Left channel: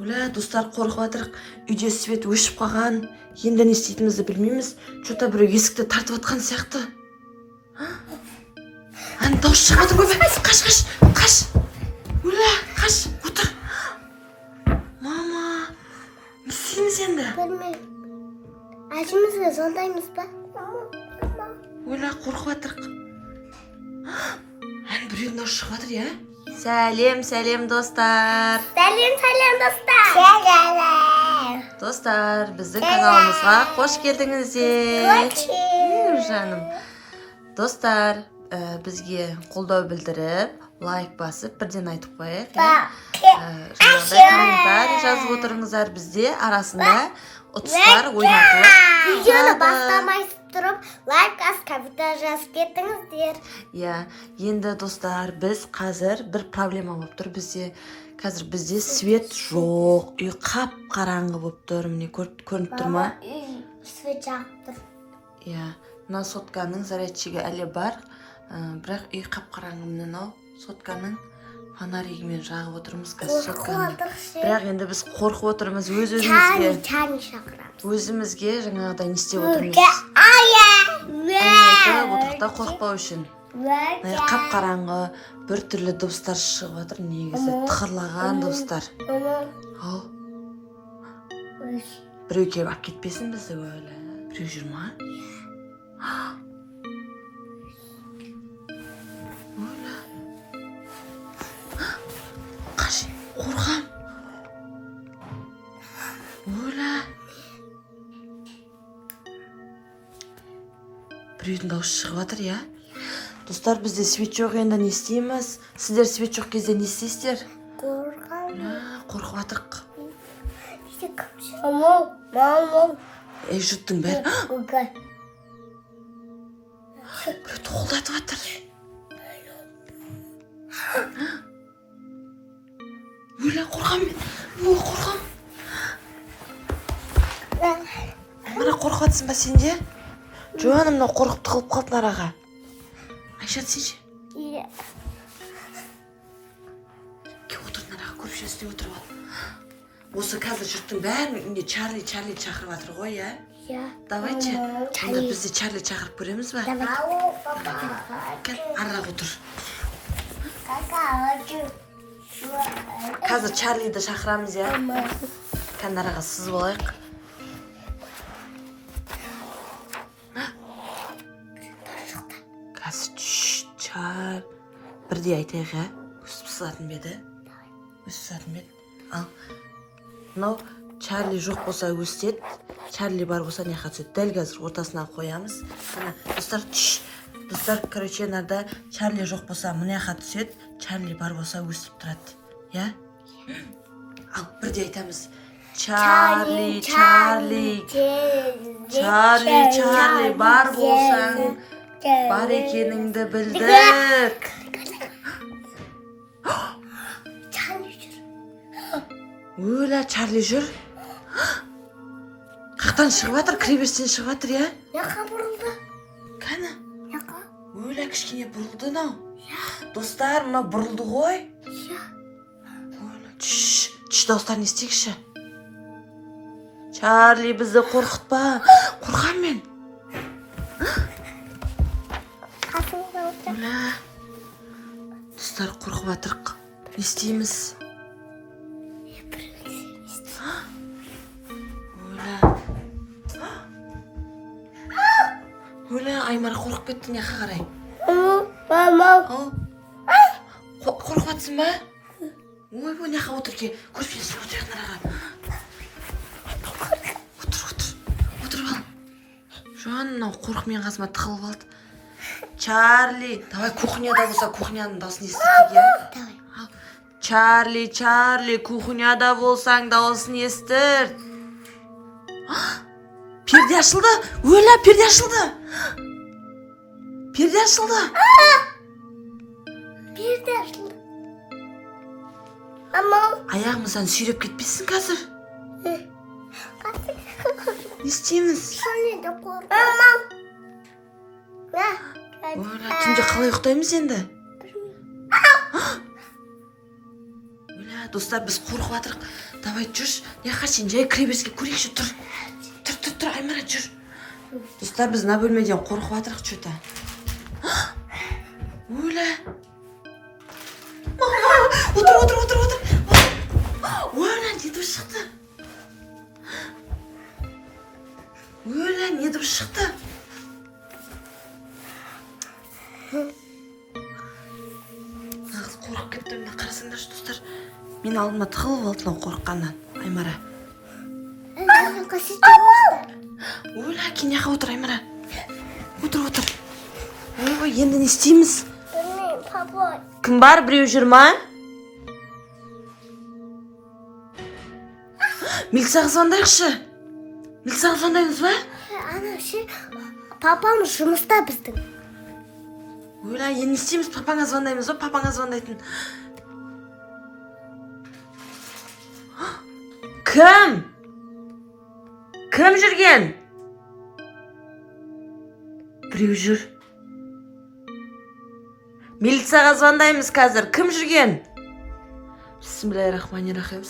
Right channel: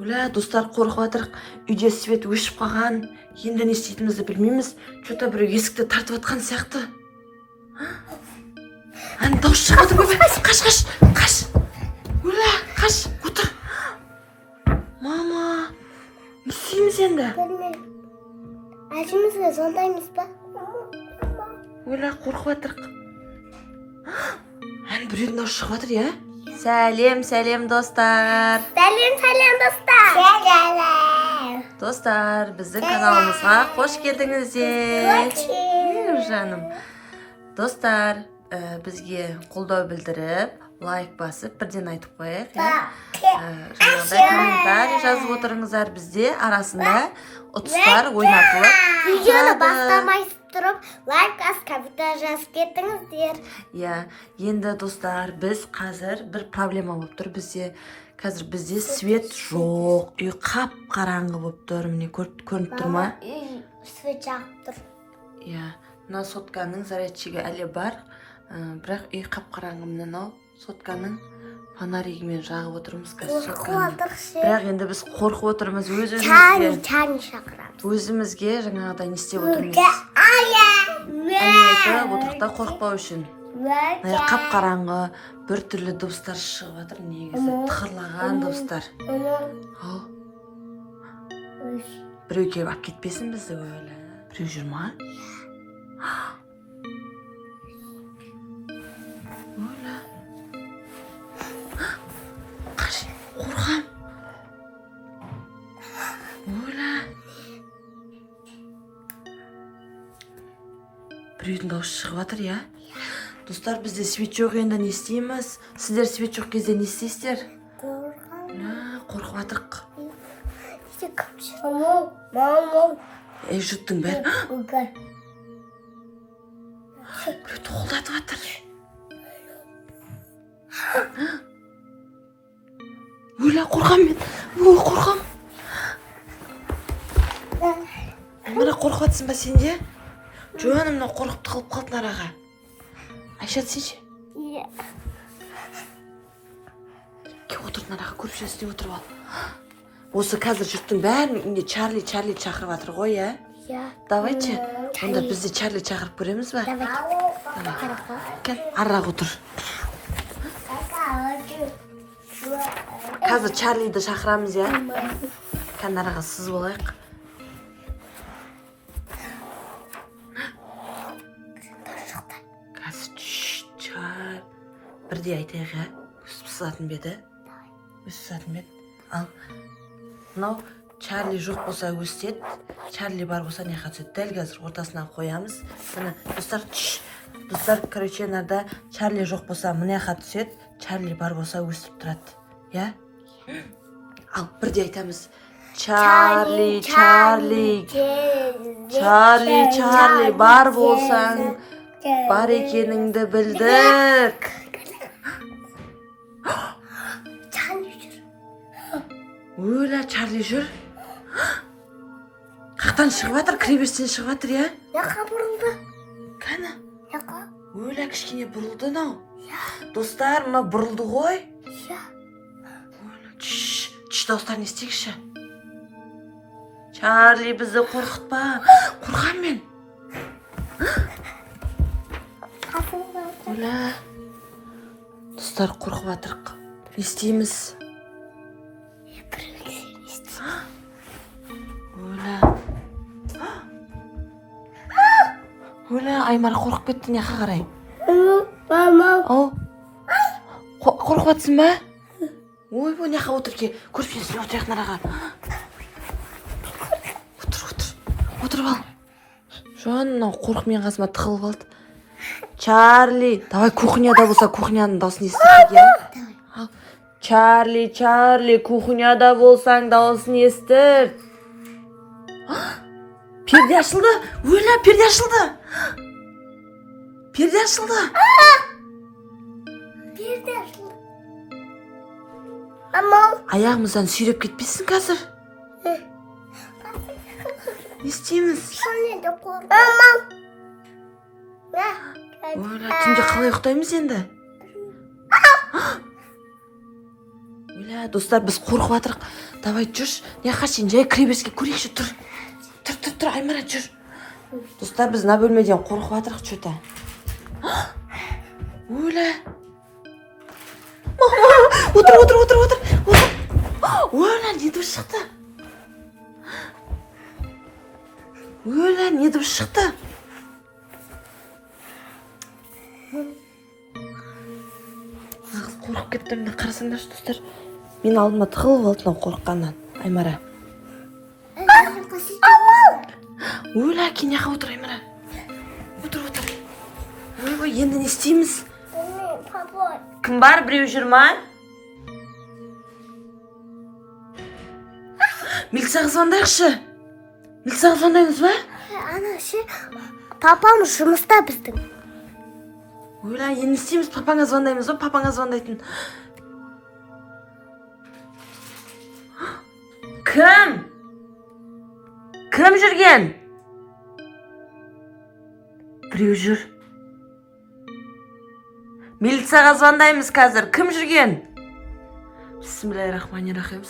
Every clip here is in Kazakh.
Оля, достар қорқып жатырық. Үйде свет өшіп қалған. Енді не істейтінімізді білмейміз. Что-то біреу есікті тартып жатқан сияқты. Ана дауыс шығып жатыр. Қаш. Оля, қаш, отыр. Мама, не істейміз енді? Білмеймін. Әжімізге звондаймыз ба? Оля, қорқып жатырық. Ана біреудің дауысы шығып жатыр, я? Сәлем, достар. Сәлем, достар. Сәлем. Достар, біздің каналымызға қош келдіңіздер. Жаным. Достар, бізге қолдау білдіріп, лайк басып, бірден айтып қояйық. Жаңағыдай комментарий жазып отырыңыздар. Бізде арасында ұтыстар ойнатылып Видеоны бастамайсыз тұрып, лайк басып, комментарий жазып кеттіңіздер. Енді достар, біз қазір бір проблема болып тұр. Қазір бізде свет жоқ, үй қап-қараңғы болып тұр. Міне көрініп тұр ма? Свет жағып тұр. Мына сотканың зарядчигі әлі бар, бірақ үй қап-қараңғы. Мынау сотканың фонаригімен жағып отырмыз қазір сотканы. Бірақ енді біз қорқып отырмыз Чани шақырамыз. өзімізге жаңағыдай не істеп отырмыз. Айтып отырықта қорықпау үшін. Қап-қараңғы бір түрлі дыбыстар шығып жатыр, негізі тықырлаған дыбыстар. Біреу келіп алып кетпесін бізді өлі. Біреу жүр ма? Өлі. Қаш, қорқам. Өлі. Біреудің дауысы шығып жатыр, я? Достар, бізде свет жоқ, енді не істейміз? Сіздер свет жоқ кезде не істейсіздер? Қорқып жатырық. Жұрттың бәрі. Біреу тоқылдатып жатыр. Өлі, қорқам мен. Қорқам. Мына қорқып жатсың ба сен де? Жоғаным, мынау қорқып тығылып қалдың араға. Айшат, сенші? Иә. Кеп отырдың араға, көріп жүрсіне отырып ал. Осы қазір жұрттың бәрін үйінде Чарли шақырып жатыр ғой, я? Иә. Давайте. Онда бізде Чарли шақырып көреміз ба? Кәл, араға отыр. Қазір Чарлиді шақырамыз, я? Кәл, араға сызып алайық. Бірде айтайық, я? Өстіп сызатын беді. Ал, мынау Чарли жоқ болса өстет, Чарли бар болса не қатысет. Дәл қазір ортасынан қоямыз. Достар, короче, нарда Чарли жоқ болса мұне қатысет, Чарли бар болса өстіп тұрады. Я? Ал, бірде айтамыз. Чарли, бар болсаң, бар екеніңді білдік. Өлі, Чарли жүр. Қақтан шығып жатыр, кіребестен шығып жатыр, я? Яқа бұрылды. Кәні? Яқа? Өлі, кішкене бұрылды нау. Достар, мұна бұрылды ғой. Дауыстарын естейікші. Чарли, бізді қорқытпа. Қорқам мен. Өлі. Достар, қорқып жатырық. Не істейміз? Өлі, Аймар қорқып кетті, неқа қарай? Қорқып жатсың ба? Ой, неқа отыр ке, көрсетесің отырайық нараға. Отырып ал. Жоған, мынау қорқып мен қасыма тығылып алды. Чарли, давай кухняда болса, кухняның дауысын естірді, я? Чарли, кухняда болсаң дауысын естір. Перде ашылды. Өлі, перде ашылды. Перде ашылды. Аяғымыздан сүйреп кетпесін қазір. Не істейміз? Өлі, түнде қалай ұйықтаймыз енді? ойла достар, біз қорқып жатырық. Давай жүрші, не қашын жай кіребеске көрейікші. Тұр, Аймара жүр. Достар, біз мына бөлмеден қорқып жатырық что-то. Ойла. Отыр. Ойла, не дұрыс шықты? Ойла, не дұрыс шықты? Нағыз қорқып кетті, міне қарасаңдаршы достар. Мен алдыма тығылып алды мынау қорыққаннан. Аймара. Ойла, кенеға отыр Аймара. Отыр. Ой, енді не істейміз? Папа. Кім бар, біреу жүр ма? Милицияға звондайықшы. Милицияға звондаймыз ба? Ана папам жұмыста біздің. Ойла, енді не істейміз? Папаңа звондаймыз ба? Папаңа звондайтын. Кім жүрген? Біреу жүр. Милицияға звондаймыз қазір. Кім жүрген? Бисмиллахиррахманиррахим.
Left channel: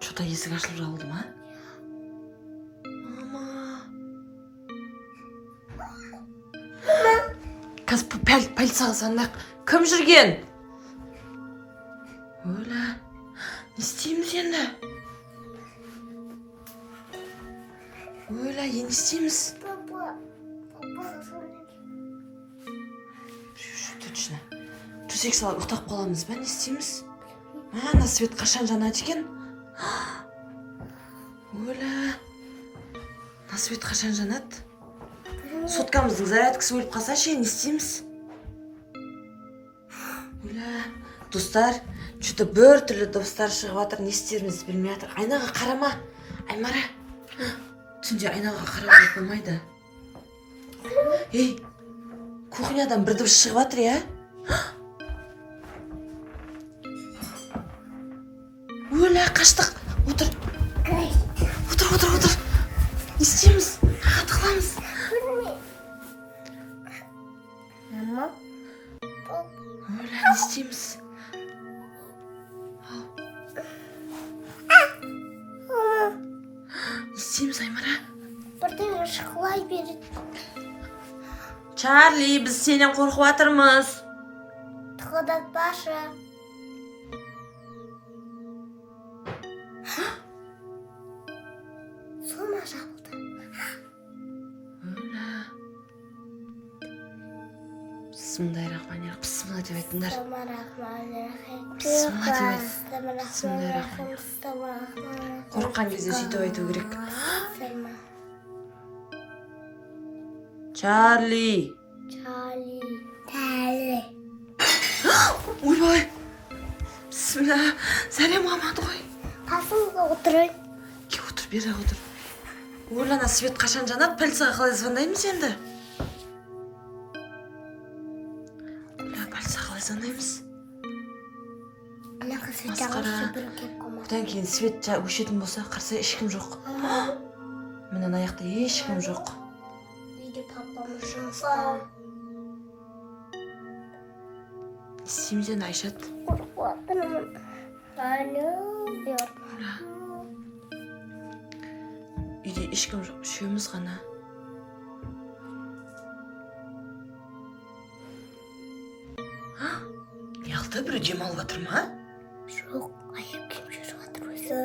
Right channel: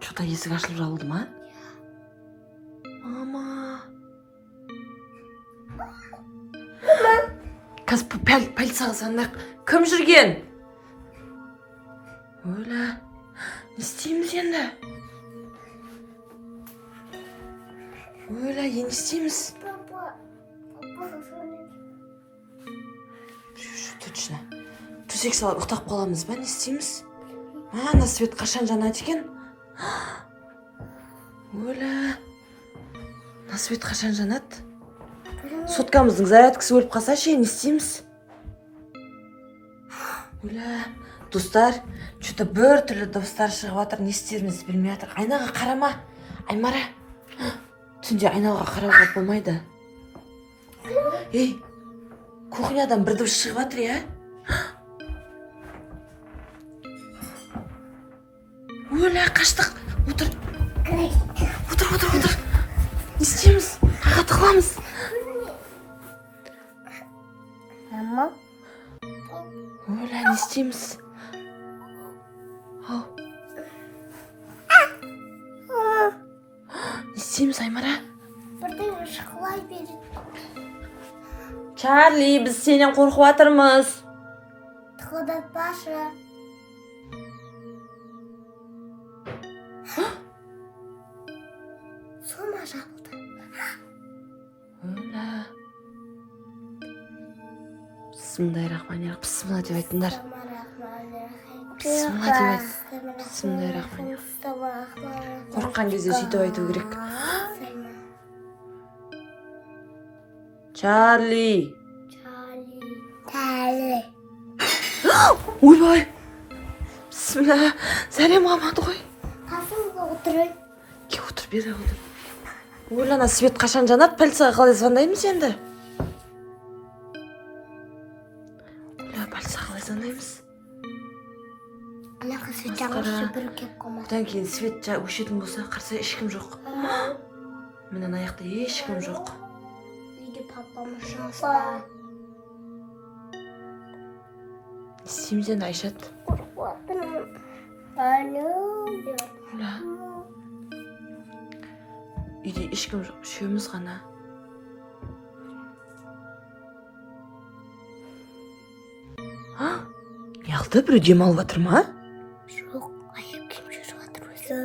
Что-то есік ашылып жабылды ма? Мама. Қазір полицияға звондайық. Кім жүрген? Ойла. Не істейміз енді? Ойла, енді істейміз? Папа. Точно. Төсек салып ұйықтап қаламыз ба? Не істейміз? Ана свет қашан жанады екен? Ойла. На свет қашан жанады? Соткамыздың зарядкасы өліп қалса ше, не істейміз? Ойла. Достар, что-то бір түрлі дыбыстар шығып жатыр, не істерімізді білмей жатыр. Айнаға қарама. Аймара. Түнде айнаға қарауға болмайды. Ей, кухнядан бір дыбыс шығып жатыр, я? Ойла, қаштық. Отыр. Не істейміз? Қайға тығыламыз? Мама. Ойла, не істейміз? Не істейміз, Аймара? Бірден шықлай береді. Чарли, біз сенен қорқып жатырмыз. Тықылдатпашы. Сома жабылды. Ойла. Бисмиллахиррахманиррахим. Бисмилла деп айтыңдар. Бисмиллахиррахманиррахим. Қорыққан кезде сөйтіп айту керек. Чарли. Ойбай. Бисмилла. Сәлем аман ғой. Қасымызда отырайын. Отыр, бері отыр. Ойлана, свет қашан жанады? Полицияға қалай звондаймыз енді? Полицияға қалай звондаймыз? Ана свет жағып бірге қоймайды. Одан кейін свет өшетін болса, қарса ешкім жоқ. Міне аяқта ешкім жоқ. Үйде папам жұмыста. Не істейміз енді, Айшат? Қорқып отырмын. Үйде ешкім жоқ, үшеуміз ғана. Неғылды, біреу демалып жатыр ма? Жоқ, аяп киім жүріп жатыр өзі.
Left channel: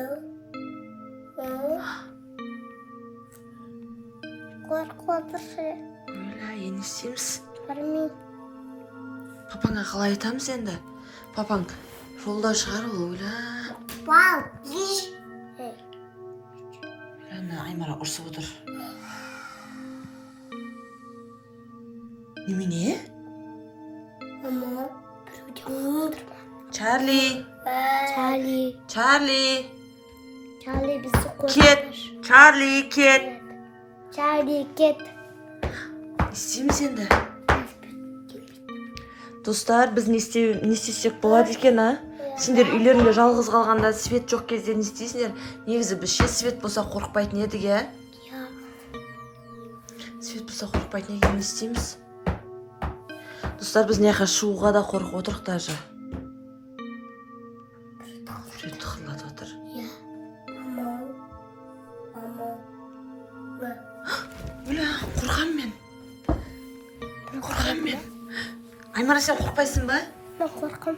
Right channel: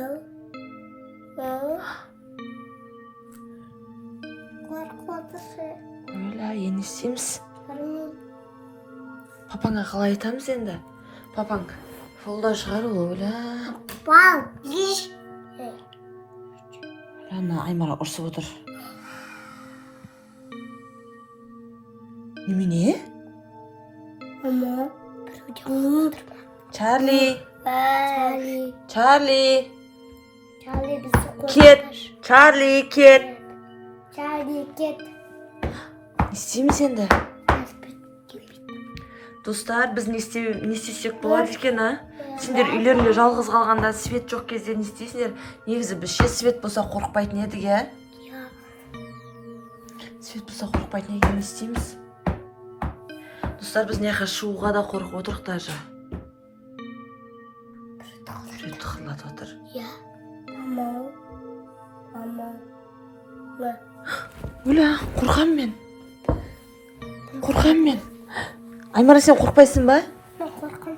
Қорқып отыршы. Ойла, енді істейміз? Бармай. Папаңа қалай айтамыз енді? Папаң жолда шығар, ойла. Бал. Ана Аймара ұрсып отыр. Немене? Мама, біреуден отыр ма? Чарли. Чарли бізді қорқытыр. Кет. Чарли, кет. Чарли, кет. Не істейміз енді? Достар, біз не істесек болады екен, а? Сендер үйлерінде жалғыз қалғанда свет жоқ кезде не істейсіңдер? Негізі біз ше свет болса қорықпайтын едік, я? Свет болса қорықпайтын екен, не істейміз? Достар, біз мына жаққа шығуға да қорқып отырық даже. Біреу тықырлатып отыр. Иә. Мама. Оля, қорқам мен. Аймара, сен қорқпайсың ба? Мен қорқам.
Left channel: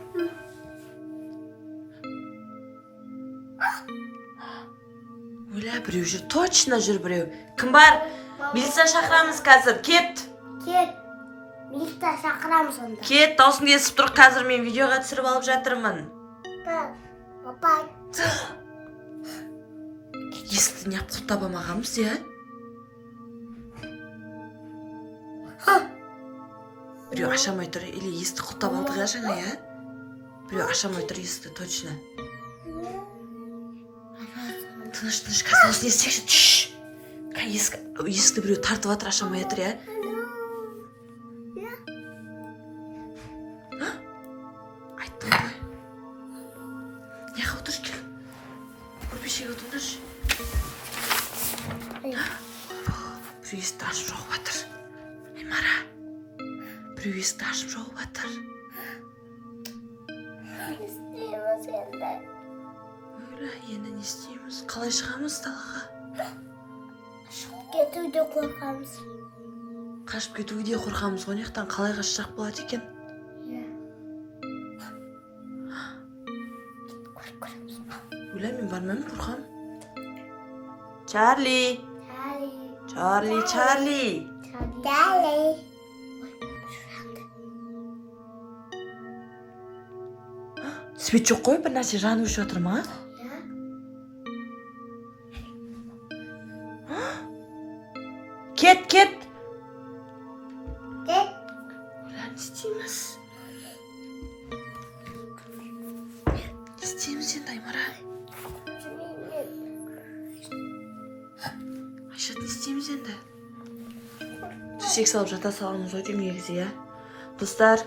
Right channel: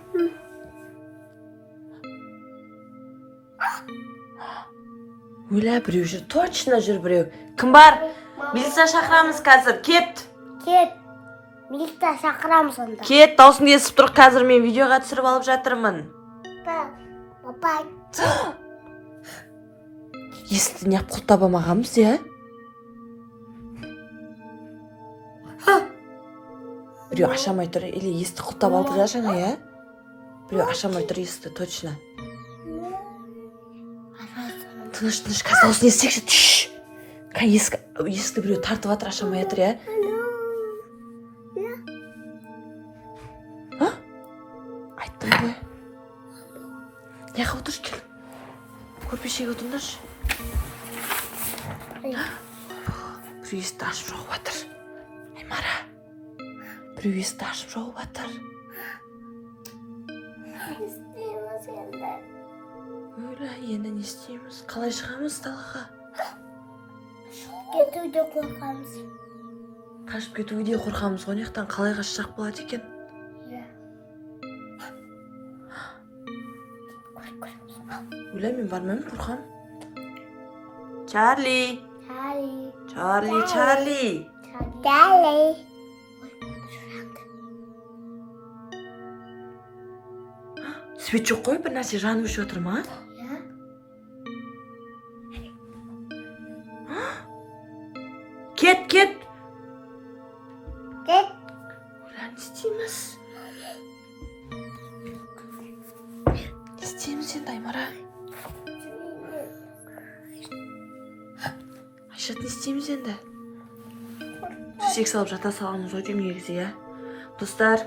Оля, біреу жүр, точно жүр біреу. Кім бар? Милиция шақырамыз қазір, кет. Кет. Милиция шақырамыз онда. Кет, дауысыңды естіп тұр, қазір мен видеоға түсіріп алып жатырмын. Папа. Есікті неғып құлттап алмағанбыз, иә? Біреу ашамай тұр, или есікті құлттап алдық иә жаңа, иә? Біреу ашамай тұр есікті, точно. Тыныш, қазір дауысын естейікші, түш. Есікті біреу тартып атыр, ашамай атыр, иә? Айттым ғой. Неға отыршы, кел. Көрпешеге отырыңдаршы. Біреу есікті ашып жауып атыр. Аймара. Біреу есікті ашып жауып атыр. Істейміз енді. Ойла, енді не істейміз? Қалай шығамыз далаға? Кетуде қорқамыз. Қашып кетуге де қорқамыз ғой, нектен қалай қашсақ болады екен? Ойла, мен бармаймын, қорқам. Чарли! Свет жоқ қой, бір нәрсе жанып өшіп отыр ма? Кет! Ойла, не істейміз? Не істейміз енді, Аймара? Айшат, не істейміз енді? Төсек салып жата саламыз ғой деймін негізі, иә? Достар,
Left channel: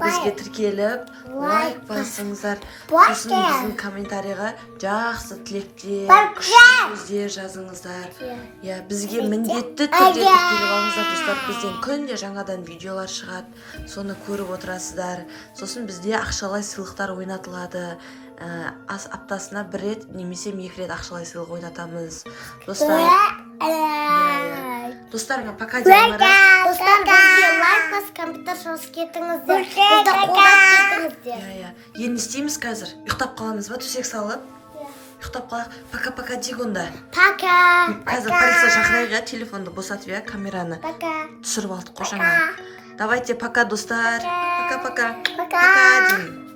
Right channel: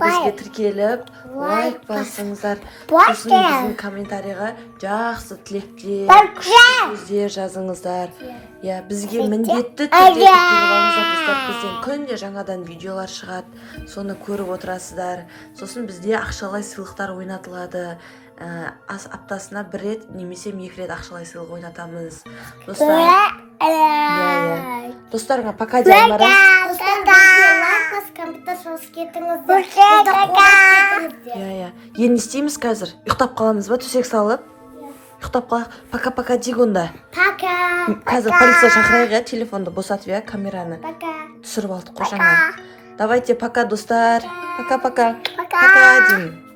бізге тіркеліп, лайк басыңыздар. Сосын біздің комментарийға жақсы тілектер, күшті сөздер жазыңыздар. Иә, бізге міндетті түрде тіркеліп алыңыздар, достар. Бізден күнде жаңадан видеолар шығады, соны көріп отырасыздар. Сосын бізде ақшалай сыйлықтар ойнатылады. Аптасына 1 рет немесе 2 рет ақшалай сыйлық ойнатамыз. Достарға пока де, Аймара. Достар, бізге лайк бас, комментар жазып кетіңіздер. Бізді қолдап кетіңіздер. Енді істейміз қазір. Ұйықтап қаламыз ба, төсек салып? Ұйықтап қалақ. Пока дейг онда. Пока. Қазір полиция шақырайық, иә, телефонды босатып, иә, камераны. Пока. Түсіріп алдық қой жаңа. Давайте, пока, достар. Пока. Пока. Пока деймін.